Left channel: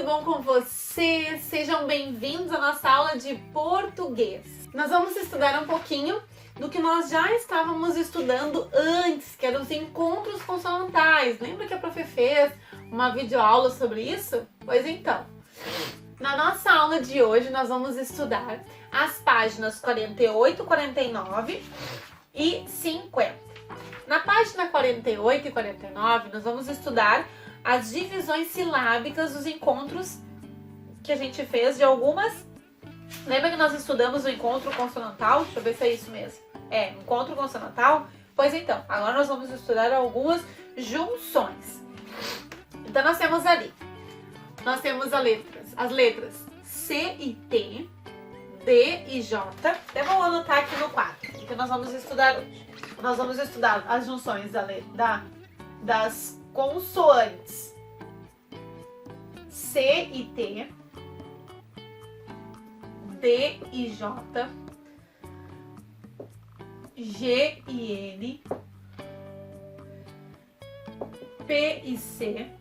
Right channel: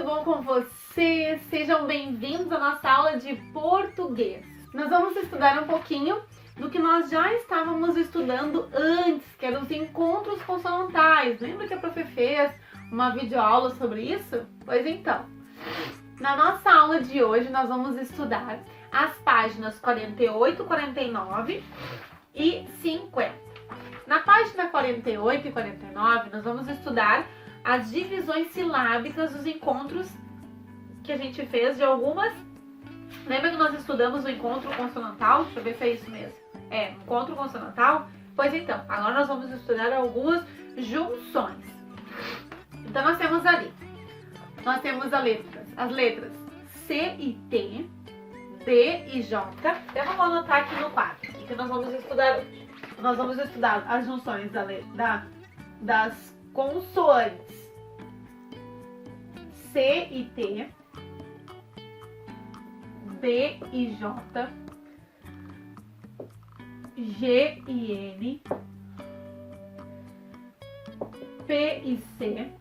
tudo bom com vocês? Sejam bem-vindos à nossa aula de português. Nós vamos estudar um pouquinho do que nós já estávamos estudando antes, que eram os encontros consonantais. Lembra que a prof fez uma videoaula sobre isso? Pois então, na nossa aula de hoje nós vamos estudar as páginas 48, 49 e 50. Na página 48 e 49 nós vamos estudar as divisões silábicas dos encontros que a gente fez de algumas. Lembra que nós estudamos o encontro consonantal? Deixa eu ver se é isso mesmo. É, encontro consonantal? Pois então, agora nós vamos estudar algumas junções. Então nós temos ali, as letras C e T, D e J. Eu vou anotar aqui no quadro, que nós vamos estudar hoje. Nós vamos estudar as junções das consoantes C e T, D e J, G e N, P e C,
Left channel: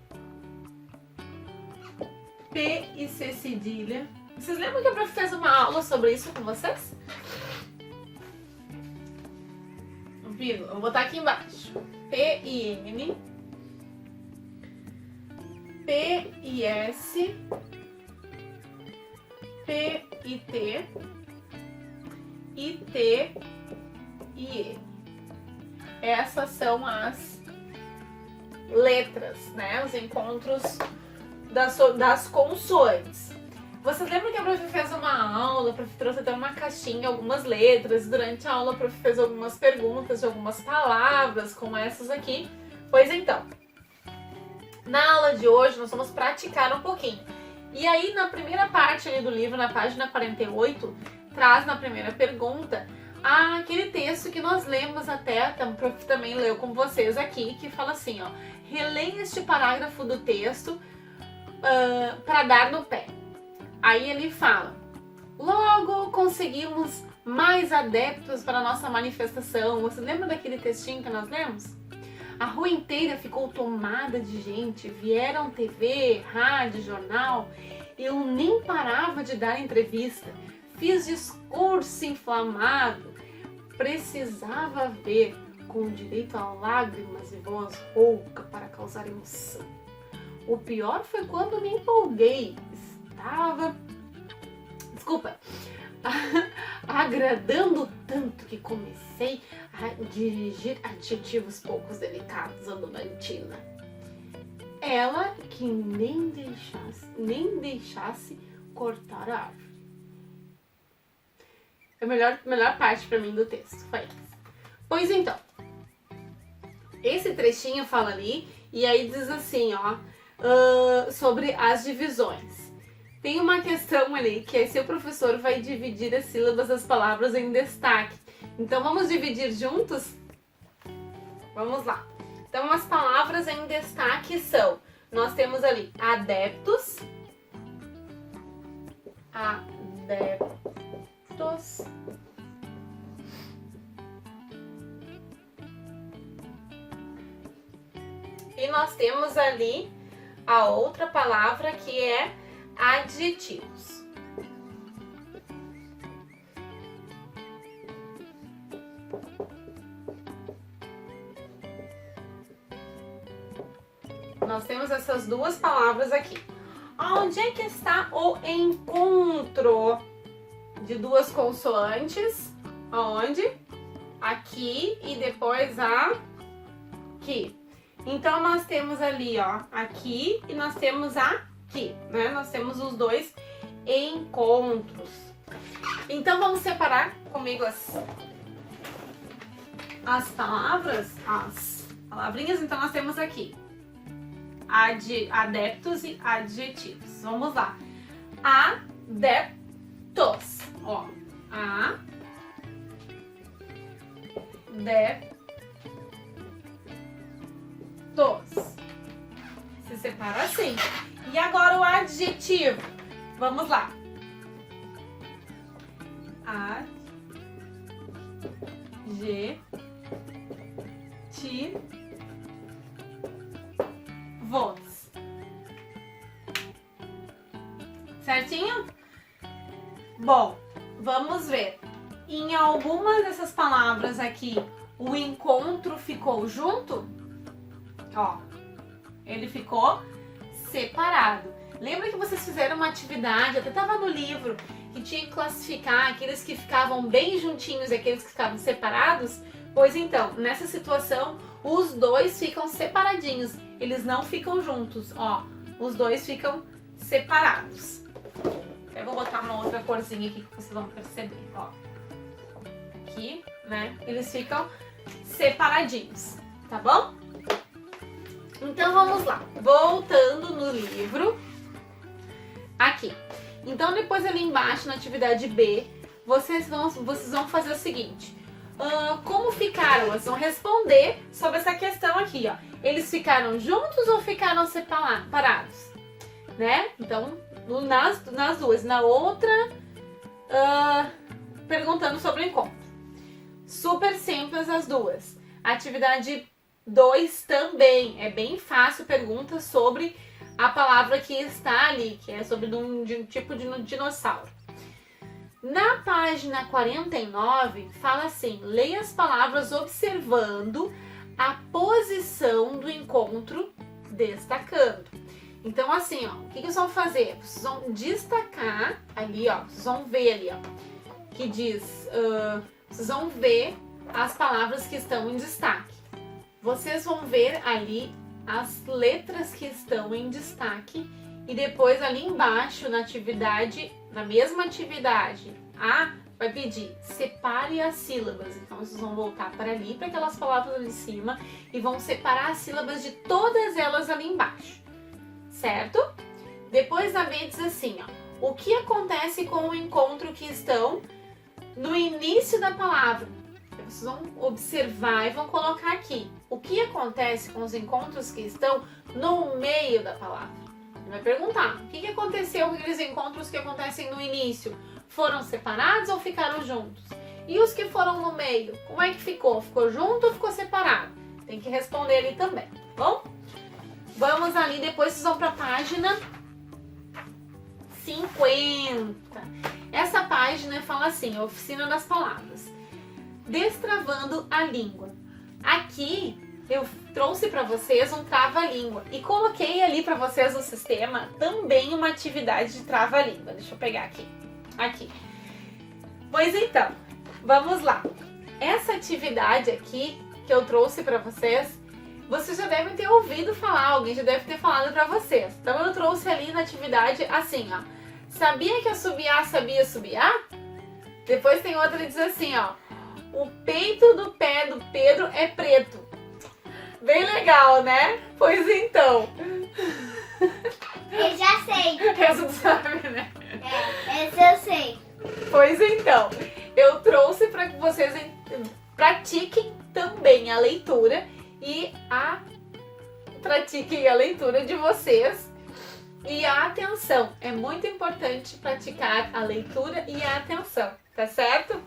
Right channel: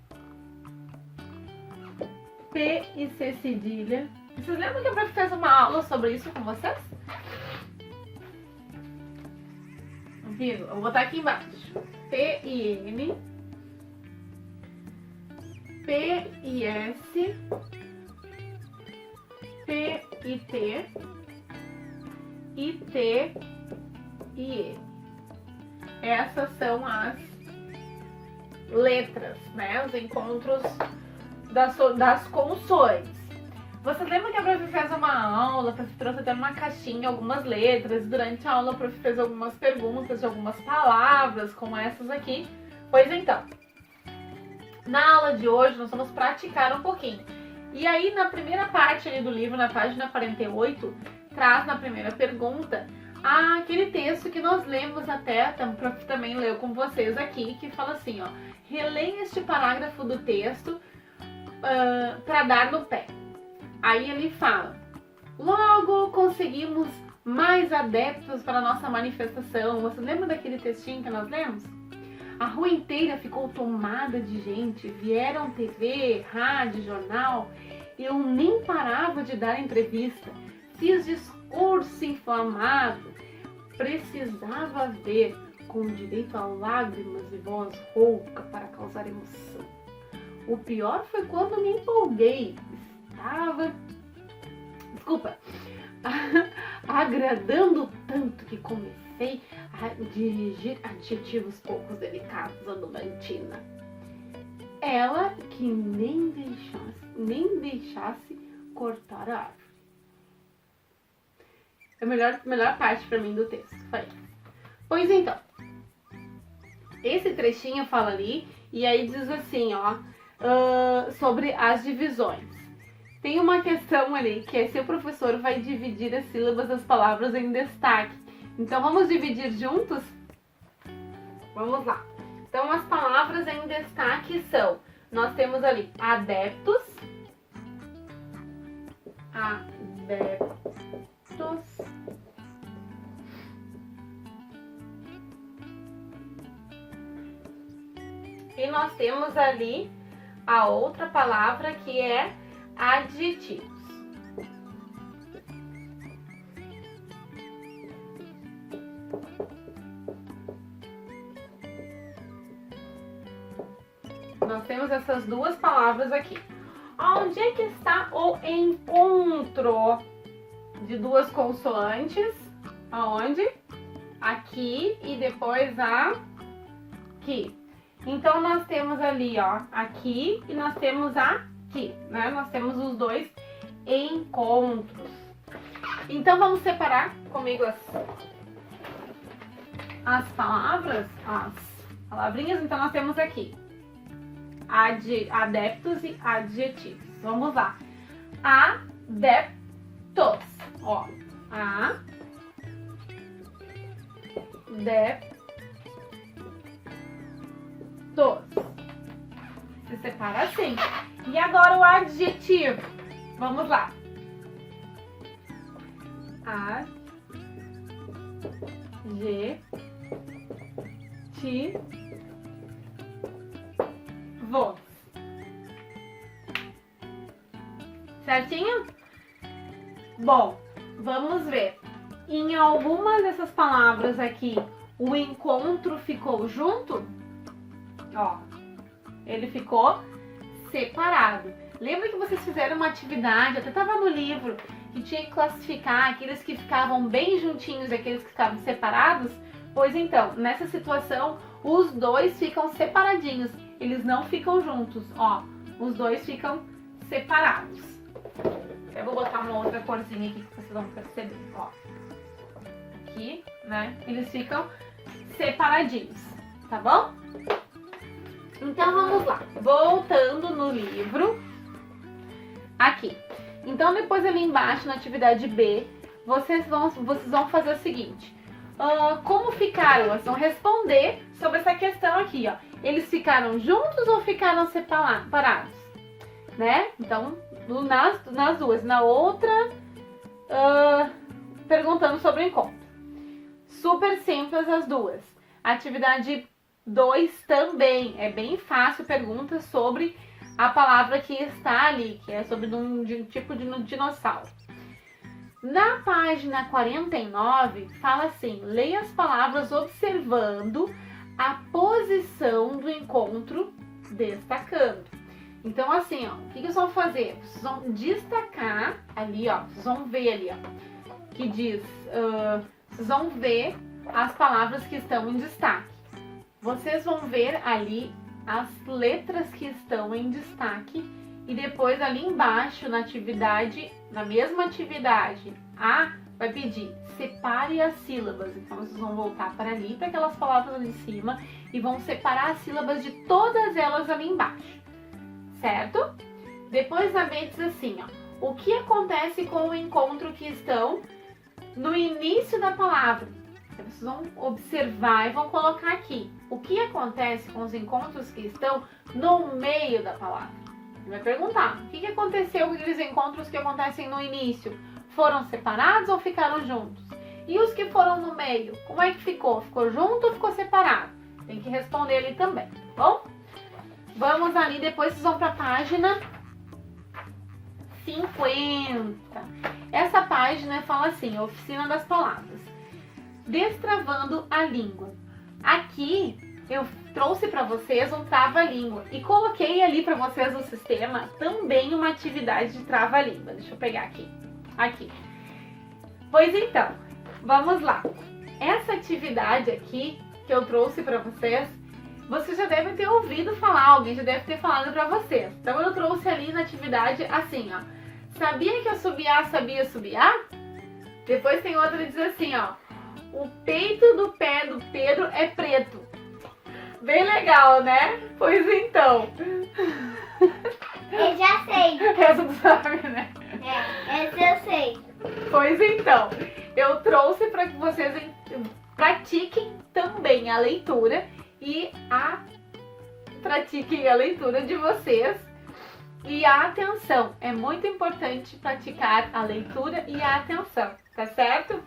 P e C cedilha. Vocês lembram que a prof fez uma aula sobre isso com vocês? Eu vou botar aqui embaixo. P e N, P e S, P e T, e T e E. Essas são as letras, né? Os encontros das consoantes. Vocês lembram que a prof fez uma aula, a prof trouxe até uma caixinha, algumas letras, e durante a aula a prof fez algumas perguntas de algumas palavras, como essas aqui. Pois então, na aula de hoje nós vamos praticar um pouquinho. E aí na primeira parte ali do livro, na página 48, traz na primeira pergunta aquele texto que nós lemos até, a prof também leu com vocês aqui, que fala assim, ó: releia este parágrafo do texto para dar no pé. Aí ele fala: logo conseguimos mais adeptos para a nossa manifestação. Você lembra daquele textinho que nós lemos? A rua inteira ficou tomada de gente, vieram TV, rádio, jornal. Eu nem parava de dar entrevista, fiz discurso inflamado, precisava ver, com direito a lágrimas e voz rouca para causar emoção. O pior foi quando me empolguei, agradando tanto que comecei a dirigir adjetivos poucos delicados à dona Tina. Ela que nem deixasse cortar a árvore. A melhor parte para mim do texto foi essa. Pois então, esse trechinho fala ali, e aí diz assim, ó, sobre as divisões. Tem uma questão ali, que é se o professor vai dividir as sílabas das palavras em destaque. Então, vamos dividir juntos? Vamos lá. Então, as palavras em destaque são, nós temos ali adeptos, e nós temos ali a outra palavra que é adjetivos. Nós temos essas duas palavras aqui. Onde é que está o encontro de duas consoantes? Aonde? Aqui e depois aqui. Então nós temos ali, ó, aqui e nós temos aqui, né? Nós temos os dois encontros. Então vamos separar comigo as palavras, as palavrinhas. Então nós temos aqui adeptos e adjetivos. Vamos lá. Adeptos, ó, adeptos. Se separa assim. E agora o adjetivo. Vamos lá. Adjetivos. Certinho? Bom, vamos ver. Em algumas dessas palavras aqui, o encontro ficou junto? Ó, ele ficou separado. Lembra que vocês fizeram uma atividade, até estava no livro, que tinha que classificar aqueles que ficavam bem juntinhos e aqueles que ficavam separados? Pois então, nessa situação, os dois ficam separadinhos, eles não ficam juntos, ó, os dois ficam separados. Eu vou botar uma outra corzinha aqui que vocês vão perceber, ó. Aqui, né, eles ficam separadinhos, tá bom? Então vamos lá, voltando no livro, aqui. Então depois ali embaixo na atividade B, vocês vão fazer o seguinte, como ficaram? Vocês vão responder sobre essa questão aqui, ó. Eles ficaram juntos ou ficaram separados? Né? Então, nas duas. Na outra, perguntando sobre o encontro. Super simples as duas. Atividade 2 também. É bem fácil, pergunta sobre a palavra que está ali, que é sobre um tipo de dinossauro. Na página 49, fala assim, leia as palavras observando a posição do encontro, destacando. Então assim, ó, o que vocês vão fazer? Vocês vão destacar ali, ó, vocês vão ver ali, ó, que diz, vocês vão ver as palavras que estão em destaque. Vocês vão ver ali as letras que estão em destaque e depois ali embaixo na atividade, na mesma atividade, A vai pedir separe as sílabas. Então vocês vão voltar para ali, para aquelas palavras ali em cima e vão separar as sílabas de todas elas ali embaixo, certo? Depois a B diz assim, ó, o que acontece com o encontro que estão no início da palavra? Vocês vão observar e vão colocar aqui o que acontece com os encontros que estão no meio da palavra. Ele vai perguntar, o que aconteceu com aqueles encontros que acontecem no início? Foram separados ou ficaram juntos? E os que foram no meio, como é que ficou? Ficou junto ou ficou separado? Tem que responder ali também, tá bom? Vamos ali, depois vocês vão para a página 50. Essa página fala assim, oficina das palavras. Destravando a língua. Aqui eu trouxe para vocês um trava-língua e coloquei ali para vocês no sistema também uma atividade de trava-língua. Deixa eu pegar aqui. Aqui. Pois então, vamos lá. Essa atividade aqui que eu trouxe para vocês, vocês já devem ter ouvido falar, alguém já deve ter falado para vocês. Então eu trouxe ali na atividade assim, ó. Sabia que assobiar sabia assobiar? Depois tem outra que diz assim, ó. O peito do pé do Pedro é preto. Bem legal, né? Pois então. Eu já sei. Essa tu sabe, né? Essa eu sei. Pois então, eu trouxe para que vocês pratiquem também a leitura e pratiquem a leitura de vocês. E a atenção. É muito importante praticar a leitura e a atenção, tá certo?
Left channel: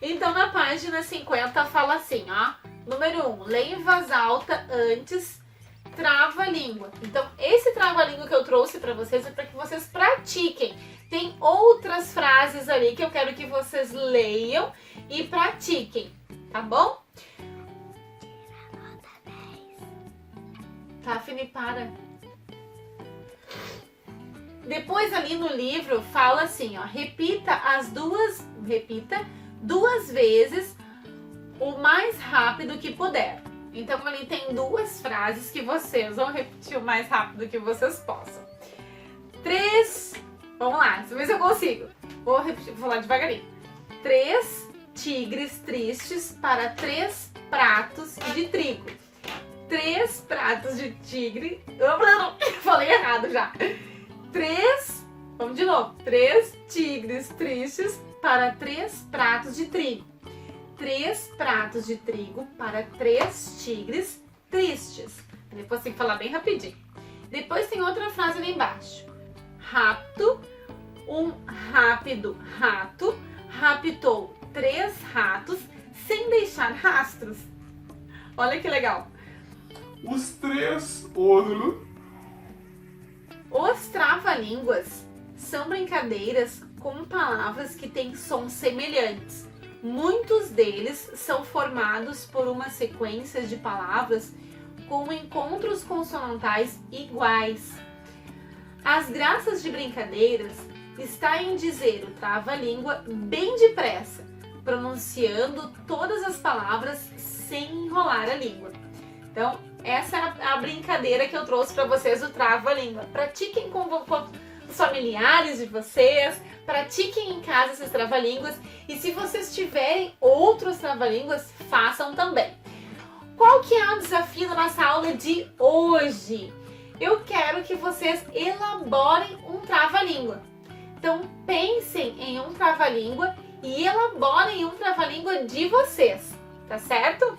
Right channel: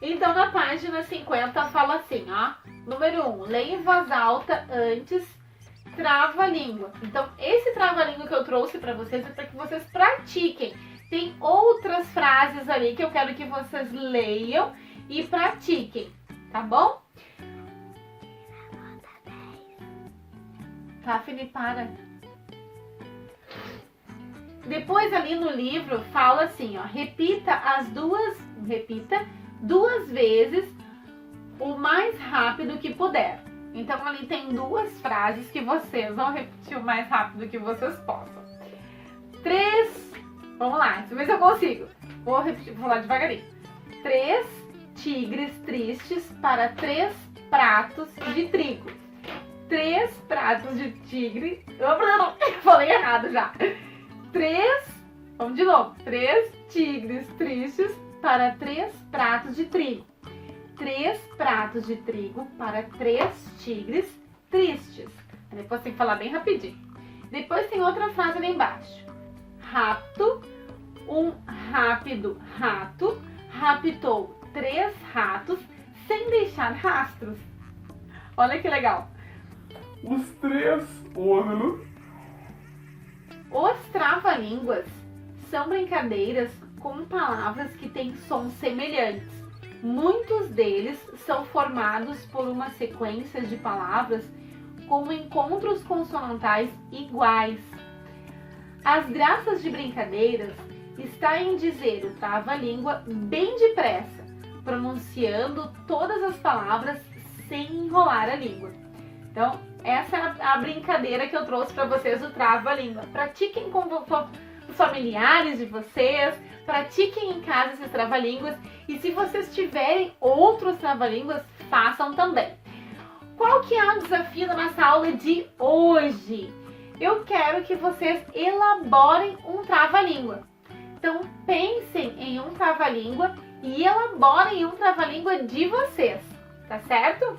Então, na página 50 fala assim, ó. Número 1, leia em voz alta antes, trava a língua. Então, esse trava-língua que eu trouxe para vocês é para que vocês pratiquem. Tem outras frases ali que eu quero que vocês leiam e pratiquem, tá bom? Tá, Fini, para. Depois ali no livro fala assim, ó. Repita duas vezes o mais rápido que puder. Então ali tem duas frases que vocês vão repetir o mais rápido que vocês possam. 3, vamos lá, deixa eu ver se eu consigo. Vou repetir, vou falar devagarinho. 3 tigres tristes para 3 pratos de trigo. 3 pratos de tigre... Falei errado já. 3, vamos de novo. 3 tigres tristes para 3 pratos de trigo. 3 pratos de trigo para 3 tigres tristes. Depois tem que falar bem rapidinho. Depois tem outra frase ali embaixo. Rato, um rápido rato, raptou 3 ratos sem deixar rastros. Olha que legal. Os 3 ónulos. Os trava-línguas são brincadeiras com palavras que têm sons semelhantes. Muitos deles são formados por uma sequência de palavras com encontros consonantais iguais. As graças de brincadeiras está em dizer o trava-língua bem depressa, pronunciando todas as palavras sem enrolar a língua. Então, essa é a brincadeira que eu trouxe para vocês, o trava-língua. Pratiquem com os familiares de vocês, pratiquem em casa esses trava-línguas e se vocês tiverem outros trava-línguas, façam também. Qual que é o desafio da nossa aula de hoje? Eu quero que vocês elaborem um trava-língua. Então, pensem em um trava-língua e elaborem um trava-língua de vocês, tá certo?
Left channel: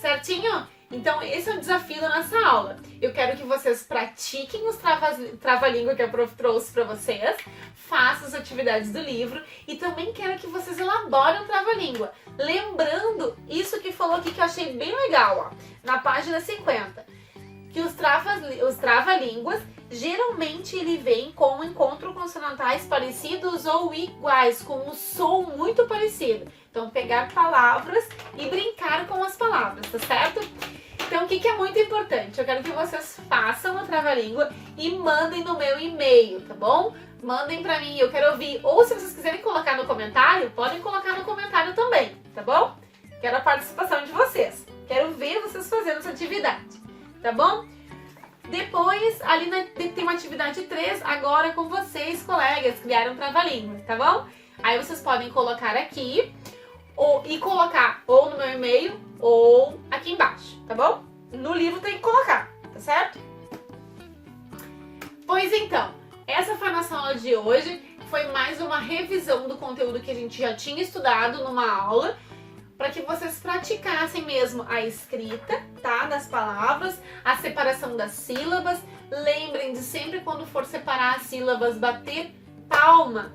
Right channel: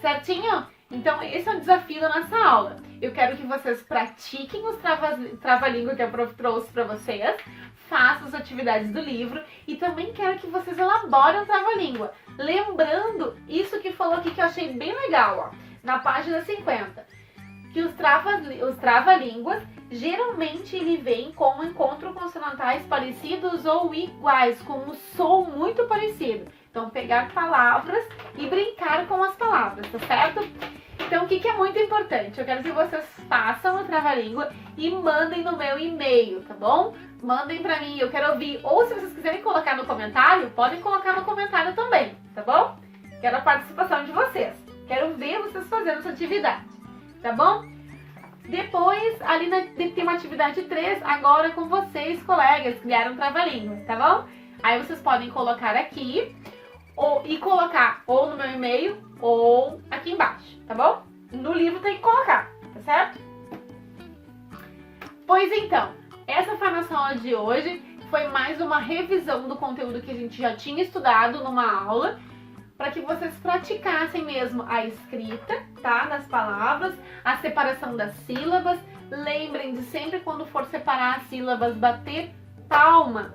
Certinho? Então, esse é o desafio da nossa aula. Eu quero que vocês pratiquem os trava-língua que a prof trouxe para vocês, façam as atividades do livro e também quero que vocês elaborem um trava-língua. Lembrando isso que falou aqui que eu achei bem legal, ó, na página 50. Que os trava-línguas, geralmente ele vem com encontros consonantais parecidos ou iguais, com um som muito parecido. Então, pegar palavras e brincar com as palavras, tá certo? Então, o que é muito importante? Eu quero que vocês façam a trava-língua e mandem no meu e-mail, tá bom? Mandem pra mim, eu quero ouvir. Ou se vocês quiserem colocar no comentário, podem colocar no comentário também, tá bom? Quero a participação de vocês. Quero ver vocês fazendo essa atividade, tá bom? Depois, ali tem uma atividade 3, agora com vocês, colegas, criaram trava-língua, tá bom? Aí vocês podem colocar aqui e colocar ou no meu e-mail ou aqui embaixo, tá bom? No livro tem que colocar, tá certo? Pois então, essa foi a nossa aula de hoje. Foi mais uma revisão do conteúdo que a gente já tinha estudado numa aula, para que vocês praticassem mesmo a escrita, tá? Das palavras, a separação das sílabas. Lembrem de sempre quando for separar as sílabas, bater palma.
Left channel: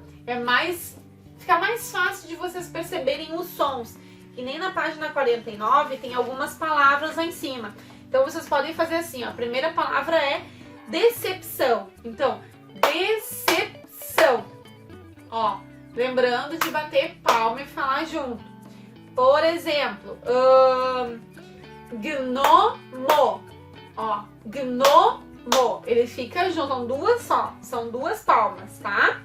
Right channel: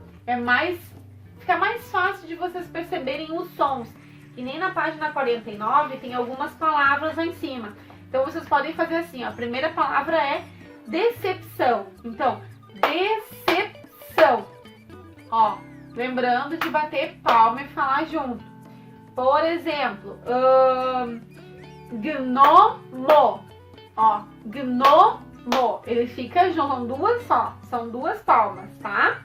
Fica mais fácil de vocês perceberem os sons. E nem na página 49 tem algumas palavras lá em cima. Então vocês podem fazer assim, ó. A primeira palavra é decepção. Então, decepção. Ó, lembrando de bater palma e falar junto. Por exemplo, gnomo. Ó, gnomo. Ele fica junto, são duas palmas, tá?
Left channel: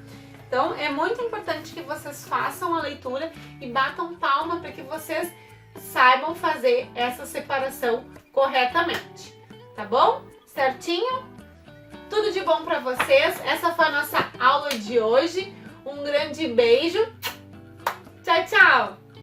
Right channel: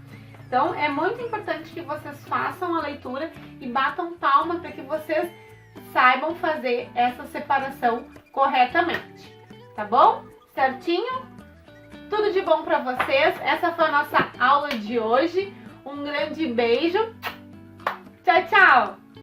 Então, é muito importante que vocês façam a leitura e batam palma para que vocês saibam fazer essa separação corretamente, tá bom? Certinho? Tudo de bom para vocês. Essa foi a nossa aula de hoje. Um grande beijo. Tchau, tchau!